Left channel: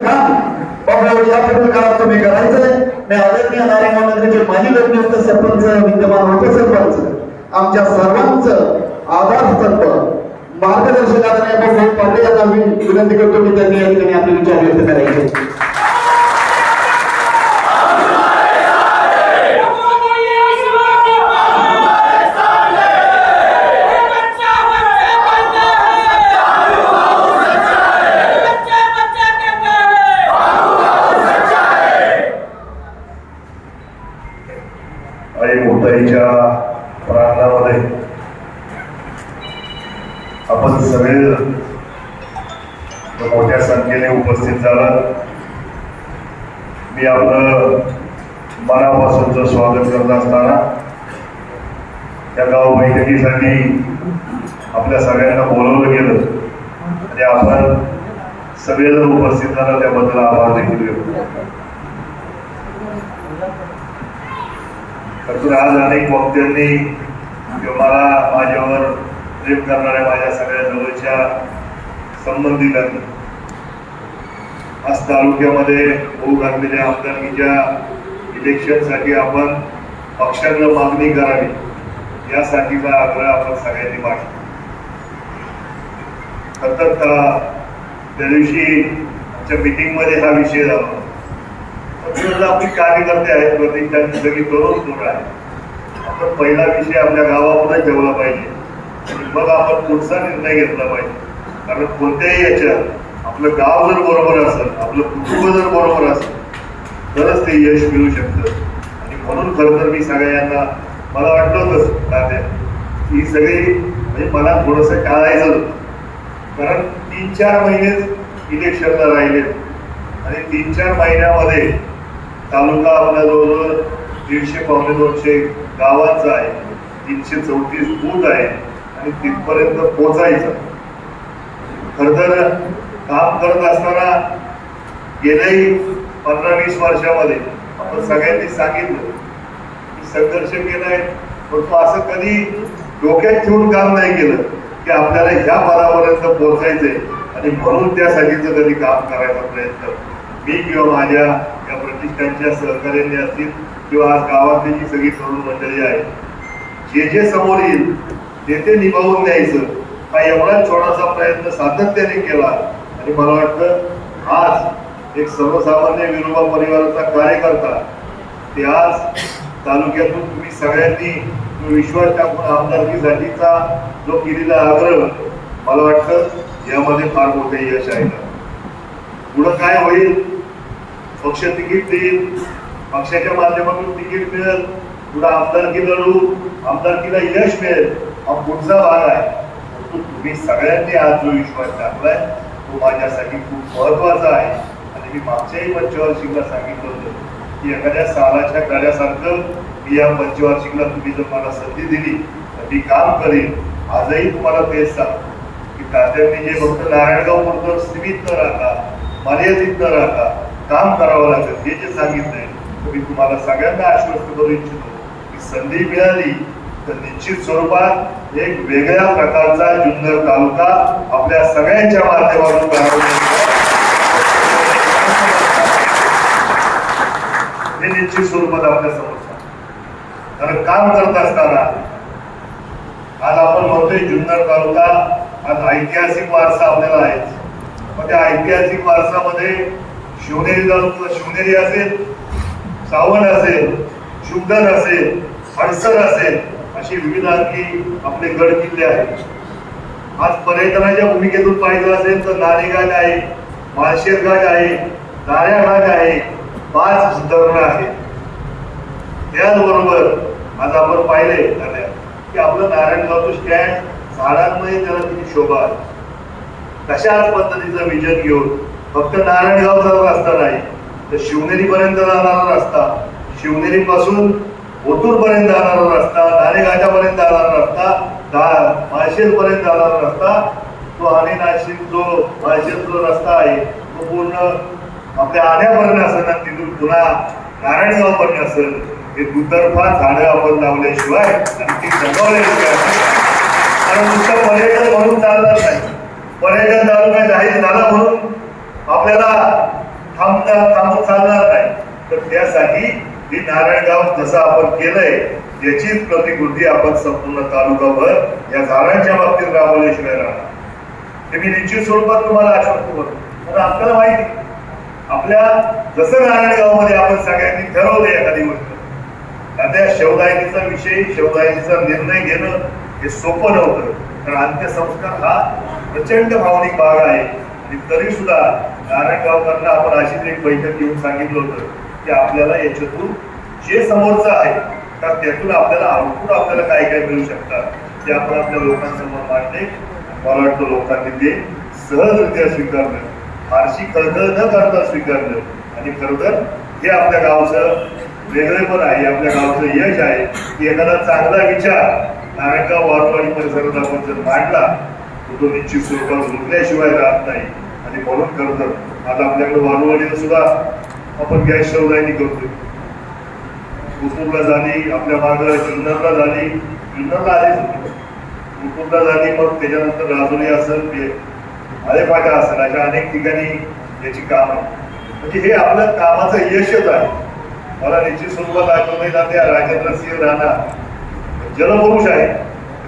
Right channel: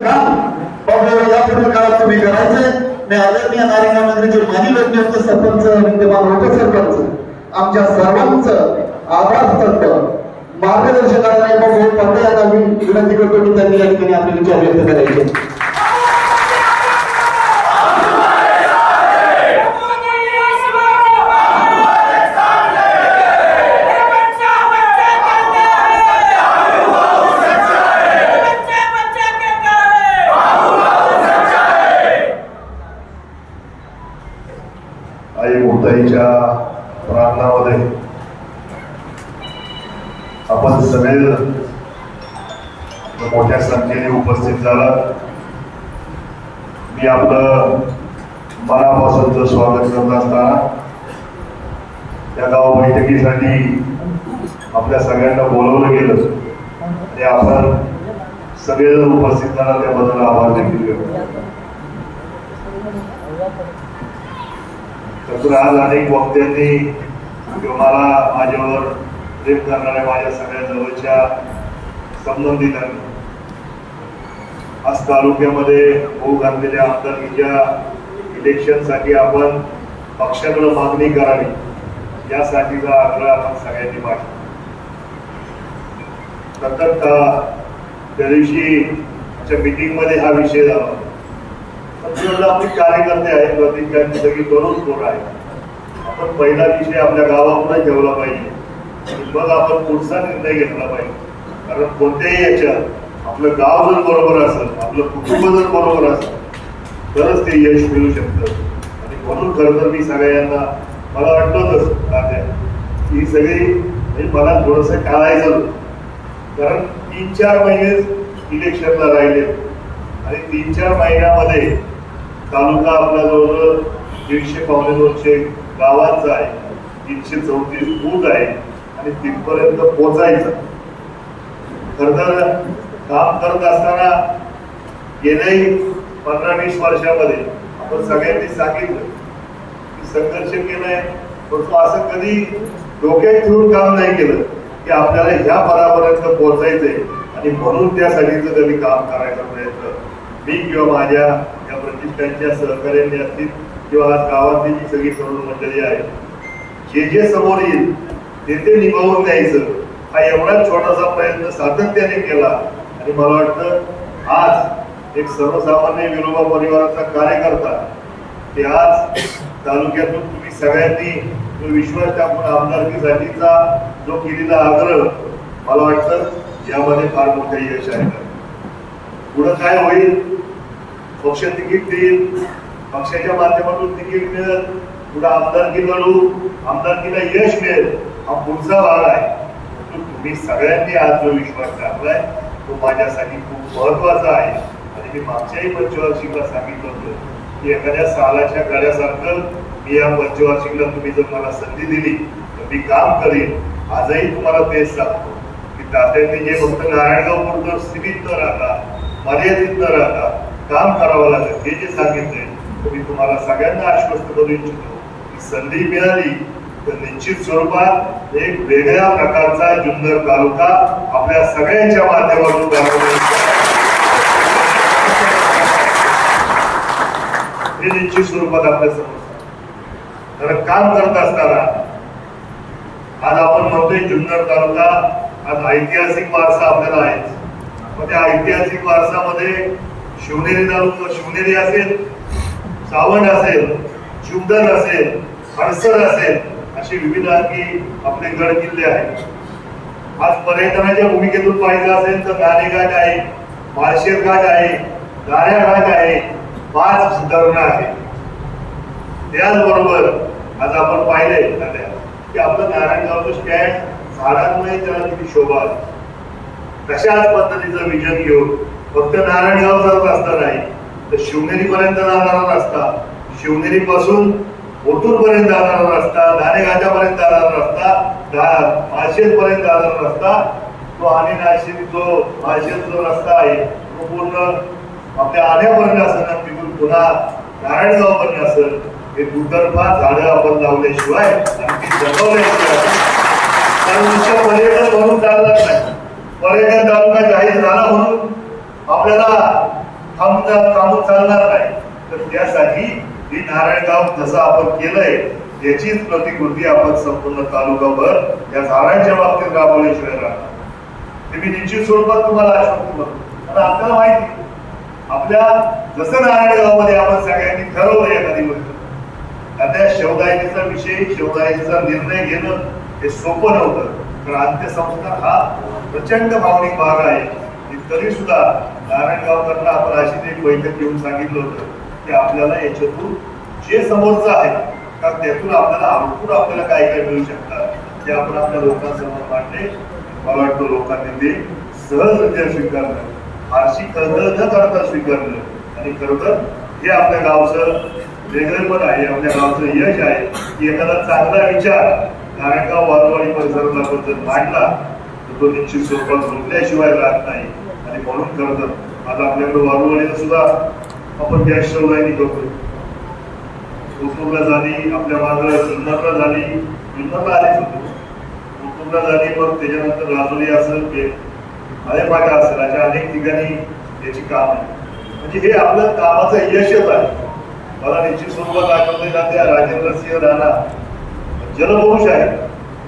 काम काळात तुम्ही करायचंय मी आदरणीय माजी लोकनियुक्त सरपंच विद्यमान उपसरपंच आमच्या सर्वांचं आधारस्तंभ मार्गदर्शक आदरणीय भाऊ पाटील यांना विनंती करतो की त्यांनी या ठिकाणी आपले विचार व्यक्त करायचे आई मुक्ताईच्या प्रार्थनामध्ये आपण सगळे मोठ्या संख्येने उपस्थित झाला मी आपलं मनापासूनचं स्वागत करत असताना त्या गाव बैठकीसाठी आपल्या सगळ्यांना बोलवलं गेलं आणि आपण सगळेजण उपस्थित झाला त्याबद्दल आभार देखील व्यक्त करतो. आज अनेक वक्त्यांनी किंवा मला माझ्यावर प्रेम करणाऱ्या माझ्या सगळ्या जवळच्या संबंधितांनी आज तालुक्यामध्ये होऊ घातलेल्या आमदारकीच्या इलेक्शनसाठी आपण पक्षांना मागणी करावी यासाठीचा आग्रह आपण सगळ्यांनी मांडला. सतत त्या दिवशी आमच्या मिटिंगमध्ये हा विषय झाला. तर आपली कार्यकर्ते आहेत त्यांनी सगळी तरुण पोरं आहेत. आपण पहिला विषय आपल्या गावामध्ये ठेवला पाहिजे. मग आपण पुढचा निर्णय घेतला पाहिजे. कारण कोणत्याही याच्यात आपलं गाव जर बरोबर असेल आपलं कुटुंब जर बरोबर असेल तरच ते यश मिळू शकतं. आणि म्हणून खरं तर मी सगळ्यांना मला वाटलं होतं ही सगळी म्हणजे मला थोडंसं टाळायचं होतं. कारण तीन चार महिने इलेक्शनला राहिले. आणि तीन चार महिन्यामध्ये तालुका आपला जवळजवळ दीडशे पावणे दोनशे गावांचा आहे तीनशे चौतीस बूथ आहे आणि तिथपर्यंत पोचायचं. खर तर काम करत असताना गेल्याही पंधरा वीस वर्षामध्ये. आपण सगळ्यांनी सांगितलं की संघर्ष केलाय परंतु असं कधी डोक्यात ठेवून काम नाही केलं की आपल्याला ह्या पदापर्यंत पोहोचायचंय. आणि म्हणून त्यासाठीचं कधी काम करायचा प्रयत्न. मी किंवा माझ्या या प्रतिष्ठानच्या सहकार्याने असतील किंवा आज गावातली जी सगळी तरुण मंडळी आहे जे जे समोर येईल ते ते निभावून द्यायचं हा एवढा छोटासा प्रयत्न सातत्याने केला. आणि मला वाटतं आज एक सर्वसामान्य विनोबा परिवाराचा कार्यकर्ता ते आज तालुक्यातून तुम्ही सगळ्यांनी जो विश्वास टाकून आमदारकीसाठीचा जो केलेला आग्रह मला वाटतं यामध्ये फार मोठं यश आहे. पुढं काय होईल? पक्ष तिकीट देईल. पक्षाच्या माध्यमातून तिकीट मिळेल. पुढे आमदारकी लढू आमदारकीला यश मिळेल. हा पुढचा भाग आहे. तुम्ही सगळ्यांनी आज जो विश्वास टाकलाय तो माझ्यासाठी खूप महत्त्वाचा आहे. आणि मी मागच्याही पंचवार्षिकला सांगितलं होतं की एखाद्या सालाच्या गळ्यासारखं मी या पंचवार्षिकला तुम्ही जर मला संधी दिली तर मी काम करीन. आजही तुम्हाला तेच सांगतो की तात्यांनी जे फक्त नारायणगाव पुरतं सीमित न राहता मर्यादित न राहता काम करावं लागेल हे जे सांगितलंय तर मी तुम्हाला सगळ्यांना आश्वस्त करू इच्छितो की संधी मिळाली तर निश्चित स्वरूपात एक वेगळ्या प्रकारचा जुन्नर तालुका आपल्या सगळ्यांच्या माध्यमातून हे निश्चित स्वरूपात आपल्यासमोर कारण काम करत असताना आज आपण म्हणतोय जुन्नर तालुका आज ऐतिहासिक वारसा आपल्याला आहे. मग त्या ऐतिहासिक वारसामध्ये शिवनेरी तालुका शिवनेरी असेल सावण असेल शुद्धन असेल हडसर असेल असे विविध आणखी आपले गड किल्ले आहेत आज पर्यटनाच्या भूमिकेतून पाहिजे असेल तर नाणेघाट आहे माळशेर घाट आहे दाऱ्या घाट आहे पाच धरणं आहे त्याचबरोबर आज आपण पाहिले की आपलं नारायणगावचं स्टँड झाडांमुळे त्याला किती शोभा आहे. तशाच पद्धतीचं विजन घेऊन फक्त नारायणगावचा रस्ता नाही तर शिवनेरीपर्यंत जाणारा रस्ता शिवनेरीपासून पासून पर्यंत जाणारा रस्ता नाणेघाटापर्यंत जाणारा रस्ता माळशेर पर्यंत जाणारा रस्ता तो आणि नाशिक जो माळशेरचा रस्ता आहे तो पूर्ण आपल्या आण्यापर्यंत असेल ना तिथून पुन्हा नारायणगाव पर्यंत असेल. हे दुतर्फा झाडं आपण लावल्याशिवाय आणि ती जगवल्याशिवाय कारण नुसतं पर्यटन म्हणून चालणार नाही. पर्यटन तालुका जाहीर झाला म्हणून आपल्याला थांबता थांबून चालणार नाही. तर त्यासाठी ही नारायणगाव जसं आपण केलंय याचीच प्रतिकृती आपण संपूर्ण तालुकाभर या झाडांच्या बाबतीत राबवल्याशिवाय राहणार हे मी निश्चित स्वरूपात तुम्हाला आश्वस्त करतो कारण आपल्याला माहिती आपल्या जसं नारायणगावमध्ये आपण सगळ्यांनी ठरवलं एखादी गोष्ट आता या विषय शेवदायतीचा निर्णय घेणं हे सोपं नव्हतं. कारण अंत्यसंस्कार हा प्रचंड भावनिक भाग आहे. तरी सुद्धा नारायणगावकरांना आपण अशीच एक बैठक घेऊन सांगितलं होतं. की आपल्याला याच्यातून जे समोरचं आहे तर त्यातून आपल्याला आउटपुट आपल्याला काय काय मिळू शकतात ते आपण आपल्या लोकांसमोर मांडणे मला वाटतं लोकांनी ते सहजरित्या स्वीकारणं. फारशी खळखळ न करता स्वीकारणं. आणि खरोखर हे आपल्या गावचं वेगळेपण आहे आपल्या गावचं यश आहे की एखादा चांगला विचार नारायणगाव वारवाडी परिसरात आपण जर मांडला तर तो निश्चित स्वरूपात रुजल्याशिवाय राहत नाही. आणि म्हणून खरं तर आता आपल्याकडे वारवाडीला सुद्धा आपण गॅस शवदायनी करतोय. कोथरूडला झाली आपल्या मार्गाला जुन्नरला झाली. जुन्नरला आलीच होती. कोथरूडला झाली मग त्याच्यानंतर राजुरी असेल ते आलेपाटा असेल. अशा अनेक ठिकाणी याची काम आहे म्हणजे हे आपलं कामाचं यशच आहे. मला निश्चित स्वरूपात ना त्या राजेंद्र सिंह राणा. जलपुरुष आहे.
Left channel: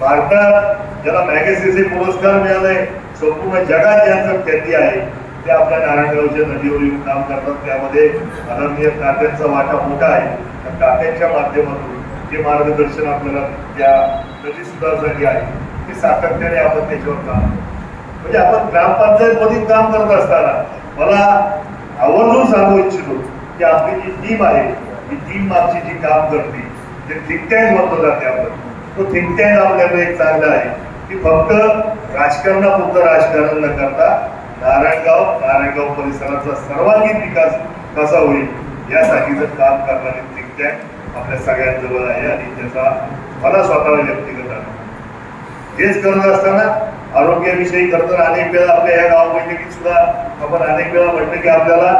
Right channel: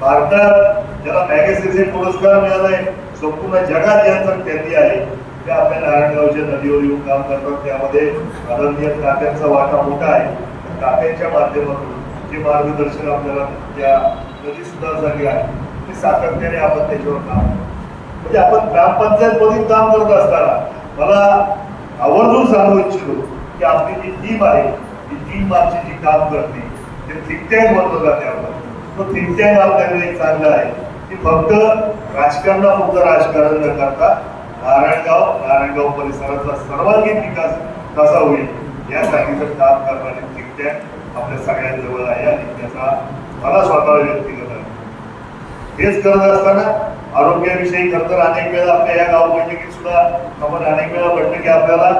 भारतात ज्याला मॅगसेसे पुरस्कार मिळालाय संपूर्ण जगात यांचा ख्याती आहे. ते आपल्या नारायणगावच्या नदीवर येऊन काम करतात. त्यामध्ये आदरणीय तात्यांचा वाटा मोठा आहे. तर तात्यांच्या माध्यमातून जे मार्गदर्शन आपल्याला त्या नदी सुधारसाठी आहे ते सातत्याने आपण त्याच्यावर काम म्हणजे आपण ग्रामपंचायत मधील काम करत असताना मला आवर्जून सांगू इच्छितो की आपली जी टीम आहे ही टीम आमची जी काम करते ते थिंक टँक म्हटलं जाते आपण तो थिंक टँक आपल्याकडे एक चांगला आहे. की फक्त राजकारणापुरतं राजकारण न करता नारायणगाव नारायणगाव परिसराचा सर्वांगीण विकास कसा होईल यासाठी जर काम करणारे थिंक टँक आपल्या सगळ्यांजवळ आहे आणि त्याचा मला स्वतःला व्यक्तिगत अनुभव हेच करत असताना आरोग्याविषयी करताना अनेक वेळा आपल्या या गाव बैठकीत सुद्धा आपण अनेक वेळा म्हटलं की आपल्याला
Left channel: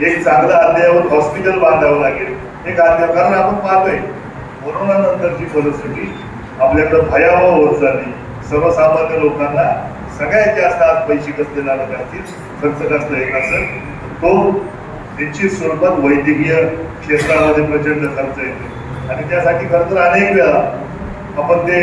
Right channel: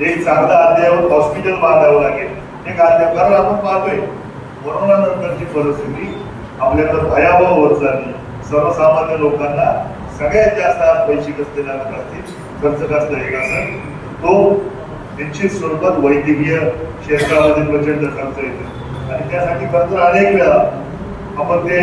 एक चांगलं अद्ययावत हॉस्पिटल बांधावं लागेल. एक अद्याप कारण आपण पाहतोय कोरोना नंतरची परिस्थिती आपल्याकडे भयावह होत चालली. सर्वसामान्य लोकांना सगळ्यात जास्त आज पैसे कसले लागत असतील खर्च कसला येत असेल तो निश्चित स्वरूपात वैद्यकीय क्षेत्रामध्ये प्रचंड खर्च येतो. आणि त्यासाठी खर्च अनेक वेळा आपण ते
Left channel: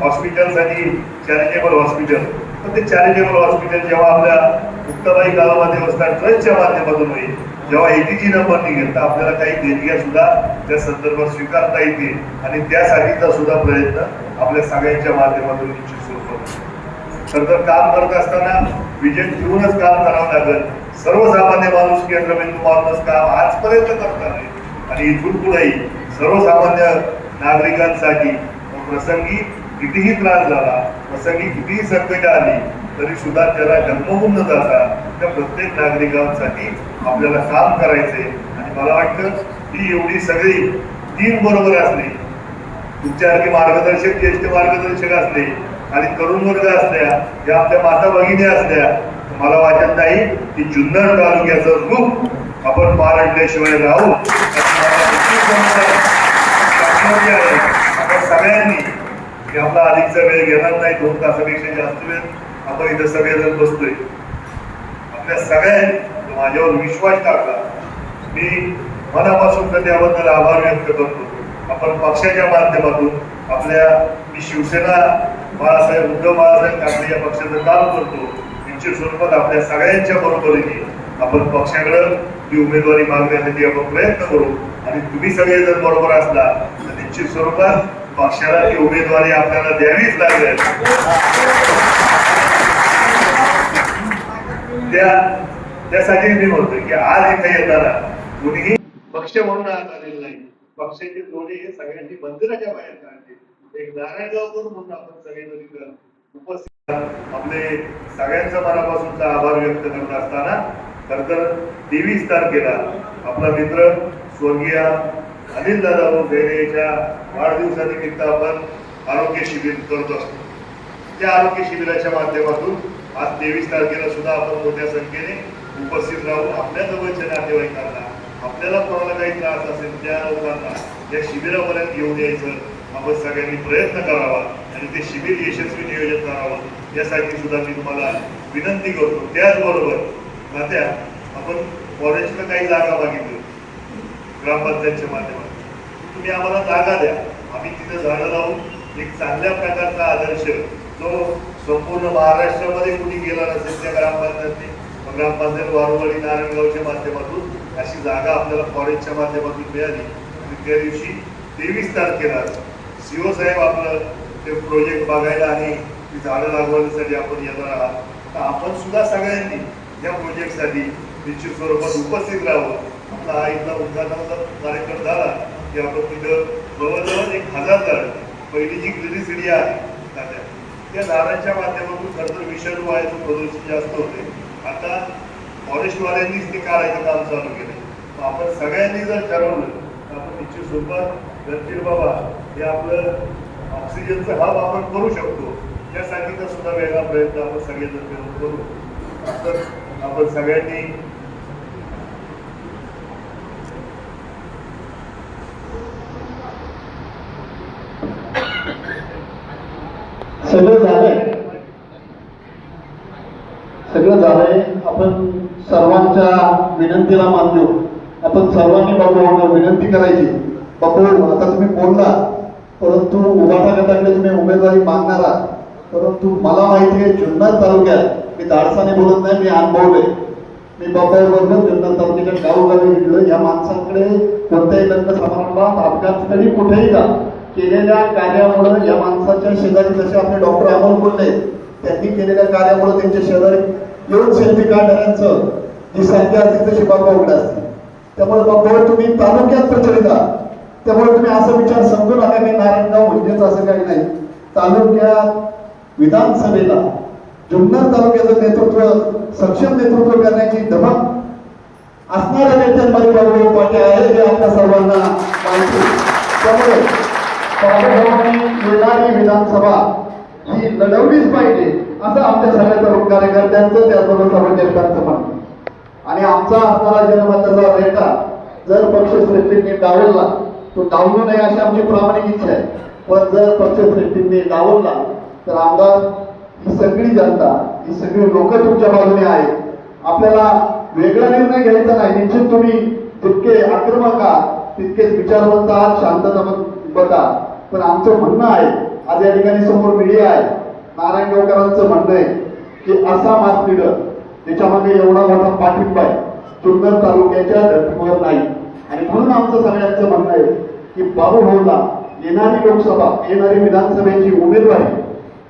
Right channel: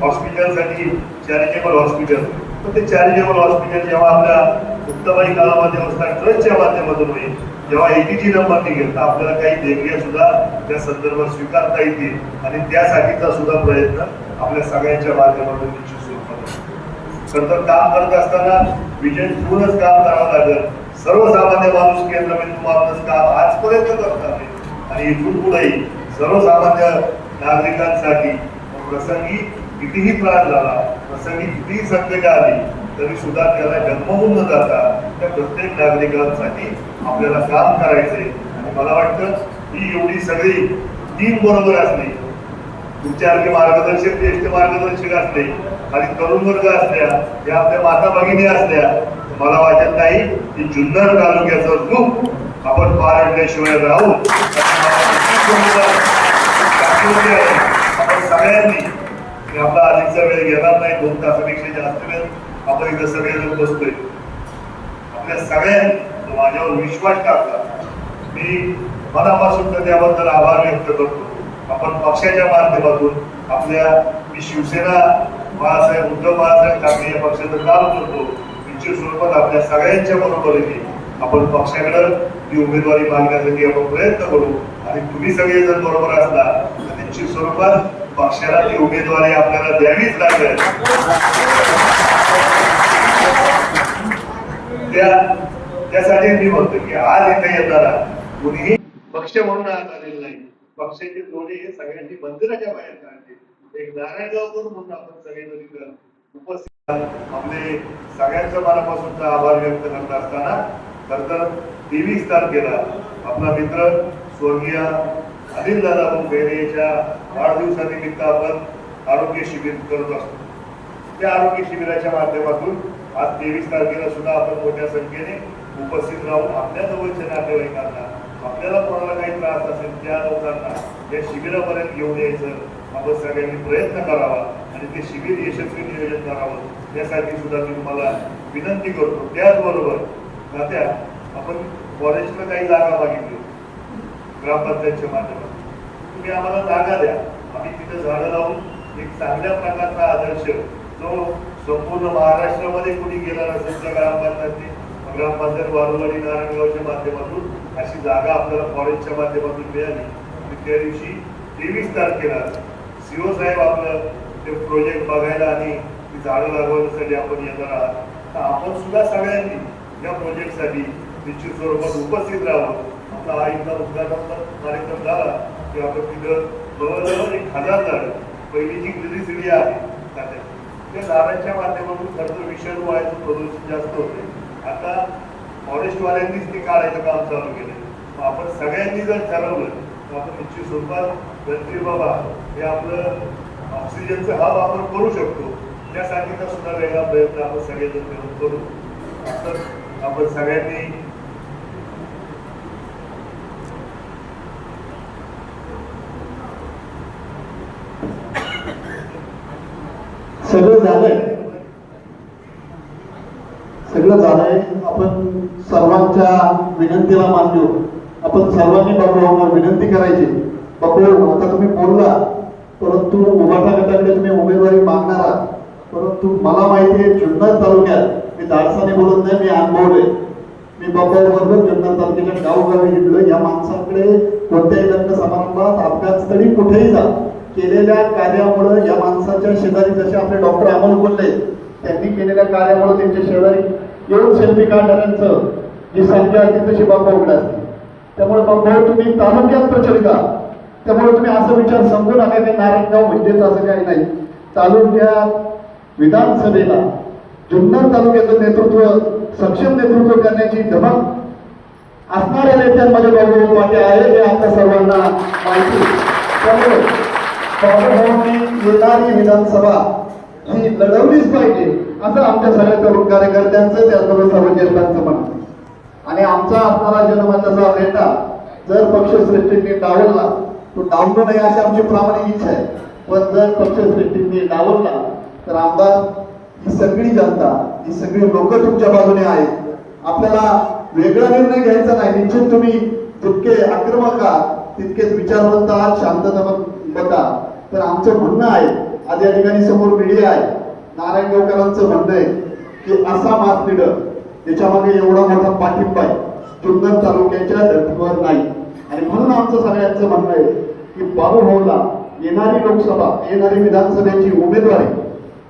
हॉस्पिटलसाठी चॅरिटेबल हॉस्पिटल पण ते चॅरिटेबल हॉस्पिटल जेव्हा आपल्या मुक्ताबाई गावामध्ये असतात ट्रस्टच्या माध्यमातून होईल जेव्हा एटीजी नंबर निघेल तर आपल्याला काही देणग्या सुद्धा त्या संदर्भात स्वीकारता येतील. आणि त्यासाठीचा सुद्धा प्रयत्न आपल्या सगळ्यांच्या माध्यमातून निश्चित स्वरूपात होईल. तर काम करत असताना विजय ठेवूनच काम करावं लागेल. सर्वसामान्य माणूस केंद्रबिंदू मानूनच काम आजपर्यंत करत आले आणि इथून पुढेही सर्वसामान्य नागरिकांसाठी प्रसंगी कितीही त्रास झाला प्रसंगी कितीही संकट आली तरी सुद्धा त्याला जन्मवून न जाता त्या प्रत्येक नागरिकांसाठी आपल्याला काम करायचे आणि मला वाटतं ही एवढी सगळी टीम बरोबर असली तुमच्यासारखे मार्गदर्शक ज्येष्ठ मार्गदर्शक असले आणि तरुण वर्ग असल्या या आपल्या माता भगिनी असल्या मला वाटत नाही की जुन्नर तालुक्याचं रूप आपण पारडल्याशिवाय राहू. आपण सगळ्यांनी मी आपला अधिकचा वेळ घेणार नाही दोन तासापेक्षा जास्त वेळ. आपण इथं सगळेजण बसतोय. आपल्या सगळ्यांनी माझ्यावर विश्वास टाकला. मी मनापासून तर त्याबद्दल आभार व्यक्त करतो. आपण पक्षाच्या माध्यमातून आपल्या मी शिवसेना बाळासाहेब उद्धव बाळासाहेब ठाकरे या पक्षाचं काम करतो निश्चित स्वरूपात आपल्या सगळ्यांच्या बरोबरीने आपण पक्षाकडे ही उमेदवारी मागण्यासाठी आपण प्रयत्न करू. आणि तुम्ही सगळेजण बरोबर असला तर निश्चित स्वरूपात पक्षाला ती उमेदवारी आपल्याला द्यावीच लागेल. त्या त्यासाठी मी म्हणतो की आज इथे येताना कुणीही पक्ष म्हणून आज आलेला नाही. पक्षाचे जोडे हे सगळ्यांनी मंदिराच्या बाहेर काढले. एक नारायणगावकर म्हणून आपण सगळे उपस्थित आपले सगळ्यांच्या मनापासूनचा आभार व्यक्त करत असताना खर तर तेवीस तारखेला आपला मित्र स्वर्गीय अनिल दादा बेरेच्या वाढदिवसानिमित्त आपण आरोग्य शिबिर करत असतो. त्या आरोग्य शिबिराच्या माध्यमातून आज तेवीस तारखेला सुद्धा आपण मोठ्या संख्येने उपस्थित राहून आपल्या जवळच्या नातेवाईकांना आपल्याला कोणाला काही त्रास असेल त्या लोकांना या शिबिरापर्यंत घेऊन यायचं. आपण सगळ्यांनी प्रयत्न करावा आणि ते शिबिर यशस्वी नियोजन करावं. यासाठी सुद्धा मी तुम्हाला विनंती करतो. त्याचबरोबर नात्या आपण फॉरेस्टला काही जागा मागितली ग्रामपंचायतच्या माध्यमातून. तुम्ही आम्हाला जागा द्या. आम्ही तिथे झाडं लावून एक चांगल्या प्रकारचा आदर्श जो संपूर्ण महाराष्ट्रामध्ये कुणी गेला नसेल त्या ग्रामपंचायतनी ग्रामपंचायत वारुवाडी नारायणगावच्या माध्यमातून अशी जागा आपल्याला फॉरेस्टच्या माध्यमातून मिळाली. आणि त्या दिवशी तेवीस तारखेला सीओ साहेब आपलं ते प्रोजेक्ट बघायला आणि ती झाडं लागवण्यासाठी आपण येणार आहात. तर आपण सुद्धा सगळ्यांनी या प्रोजेक्टसाठी निश्चित स्वरूपात उपस्थित राहावं. आपला हा इथला उद्घाटनाचा कार्यक्रम झाला की आपण तिथं जवळजवळ एक हजार झाड पहिली जी ग्रिली सिडी आहे त्या झाडांच्या माध्यमातून खरं तर विषाणू वायाचं प्रदूषण जास्त होते फॉरेस्टवाल्यांनीच ते काढायचं काम चालू केलं आपण सगळ्यांनी जर ठरवलं तर आपण निश्चित स्वरूपात रणधीर बाबा हे आपलं ऑक्सिजनचं हब आपण करू शकतो. त्यासाठीचा सुद्धा वेगळा प्रयत्न आपण सगळेजण मिळून करू. असं आपण सगळ्यांनी सगळं झालंय सगळं झालंय. आपण सर्वांच्या विनंतीला मान देऊ आपण सर्वांनी बाबू विनंती करायची. बाबू आता तुम्ही बोलला परंतु उभाटा गटाकडे तुम्ही उमेदवारी मागणार आहात. परंतु मला माहिती आहे जुन्नर तालुक्यात मी धाडसाने बोलत नाही मी अनुभवले मी बाबा बरोबर जुन्नर तालुक्याच्या गावोगावी घेतलं या माणसांकडे कोणत्याही लग्न समारंभात अपघातस्थळी कुठेही जा. केलेल्या कार्यामुळे या माणसाच्या शेजारी जसे आपले डॉक्टर अमोल बोलले त्यांनी केलेल्या कार्यामुळे त्यांच्या शेजारी येऊन सेल्फी काढणाऱ्यांचं जी संख्या असते तशी बाबा उघड असते. त्यामुळे बाबा तुम्ही तालुक्यात प्रचलित आहात. त्यामुळे तुम्ही असं विचार समजू नका की नारायणगाव म्हणजेच असं काही नाही. तालुक्यात विधानसभेला जुन्नर तालुक्याचं नेतृत्व सक्षम नेतृत्व करण्याची धमक असणाऱ्या नेत्यांमध्ये बाबू पाटे आहे हे आपल्या सर्वांना माहिती? त्यामुळे बाबाभावांनी येणारी विधानसभा ही लढवलीच पाहिजे. असं आमच्या सगळ्या तरुण कार्यकर्त्यांचं त्याचबरोबर सर्व ज्येष्ठांचं म्हणणं आणि आमचा असणारा जनमताचा नेता जर पक्षश्रेष्ठींनी डावलला तो डावलू नये अशी आमची प्रामाणिक इच्छा आहे. पण जर पक्षश्रेष्ठींनी डावलला तर आमदार ही सगळी जनता ही सगळी लोक तुमच्या बाजूने आहेत. आपल्याला वेगळा निर्णय घ्यायचा नाही. निश्चित तुम्ही जितके आक्रमक आहात तितकेच विचारवंत आहात शांतता बघा. पण आमचं म्हणणं आहे आज या ठिकाणी समोर मीडिया आहे. नारायण गावकरांचं म्हणणं आहे की असा मास लीडर त्याच्यामागे एवढा मोठा पाठिंबा आहे. जुन्नर तालुक्याच्या धर्तीवर नाही. आणि म्हणून आमचं सगळ्यांचं म्हणणं आहे की बाबू भाऊला येणारी लोकसभा येणारी विधानसभेची उमेदवारी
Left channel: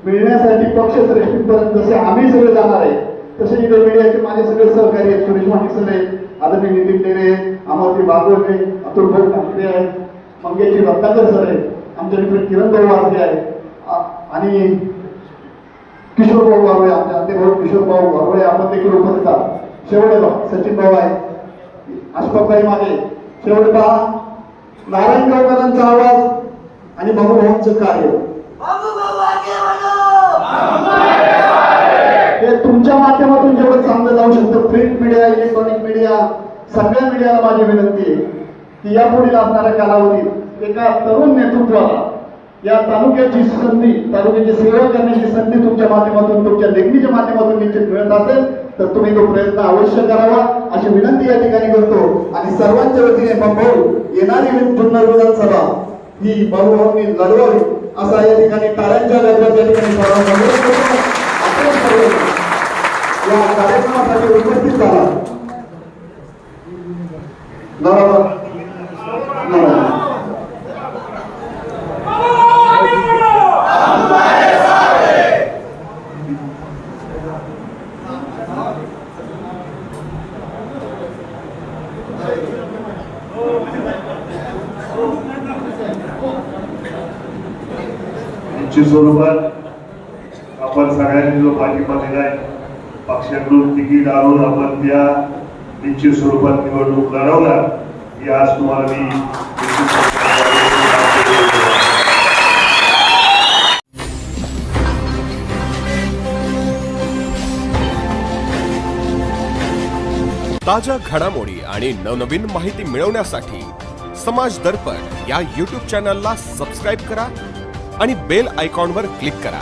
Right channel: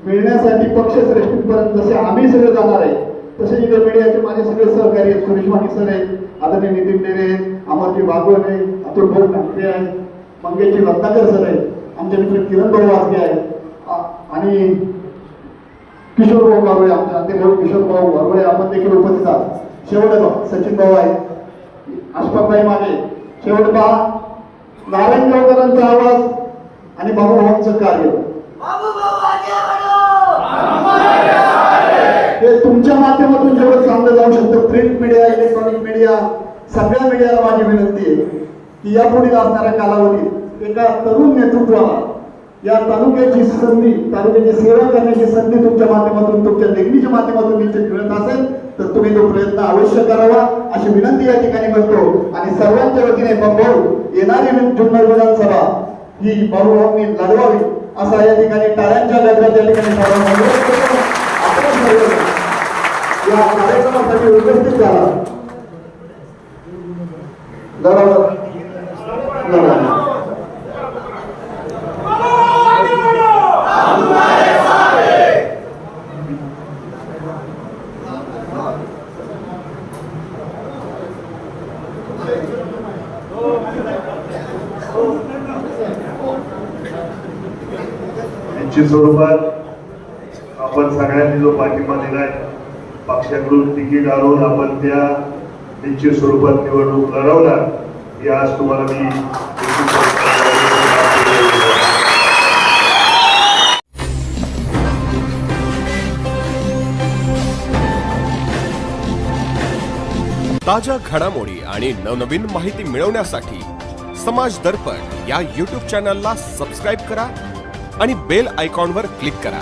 मिळण्यासाठी पक्षश्रेष्ठींपर्यंत जसे आम्ही सगळे जाणार आहे तसे इतर मीडियाचे माझे सगळे सहकारी आहेत. सुरेश माने सर आहेत आदरणीय नितीन टेरे अमरजी बागवले अतुल भाऊ ठाकरे आहेत मंगेशजी रत्नाकर सर आहेत आमचे मित्र किरण भाऊ वाजगे आहेत. आणि किशोर भाऊ गावळे आमचे अंतिम भाऊ किशोर भाऊ गावळे आपण देखील उपस्थित आहात. शेवटे सचिन भाऊ आहेत. अशफाकबाई मागे. शेवटे पहा. नारायण गावकरांचा आवाज आणि बाबू भाऊंचं कार्य. हे तुमच्या माध्यमातून जेवढं चांगलं जाऊ शकतं प्रिंट मीडिया इलेक्ट्रॉनिक मीडिया सगळ्या मीडियाला माझी विनंती आहे की यापुढील असणाऱ्या कालावधीत एका तरुण नेतृत्वाला या तालुक्याची संधी तालुक्याची सेवा करण्याची संधी तुमच्या माध्यमातून तुमच्या लेखणीच्या माध्यमातून निश्चित मिळत असेल तर तुम्ही तो प्रयत्न अवश्य करावा. अशी विनंती या ठिकाणी करतो. आणि सर्वांच्या वतीने भाऊ येणारी जुन्नर विधानसभा ही भाऊभाऊंनी लढवावी असा या ठिकाणी टाळ्यांच्या गजरात या ठिकाणी आपण या कार्यक्रमासाठी उपस्थित झाला. बरोबर निश्चित स्वरूपात आपण सगळ्यांनी जो पाठिंबा दिलाय पक्षाकडून तिकीट आणून आपण त्या निश्चित स्वरूपात निवडणूक लढवणार ही आज तुम्हाला मी ताज्या घडामोडी आणि नवनवीन माहिती मिळवण्यासाठी समाज दर्पण या यूट्यूब चॅनलला सबस्क्राईब करा आणि बेल आयकॉनवर क्लिक करा.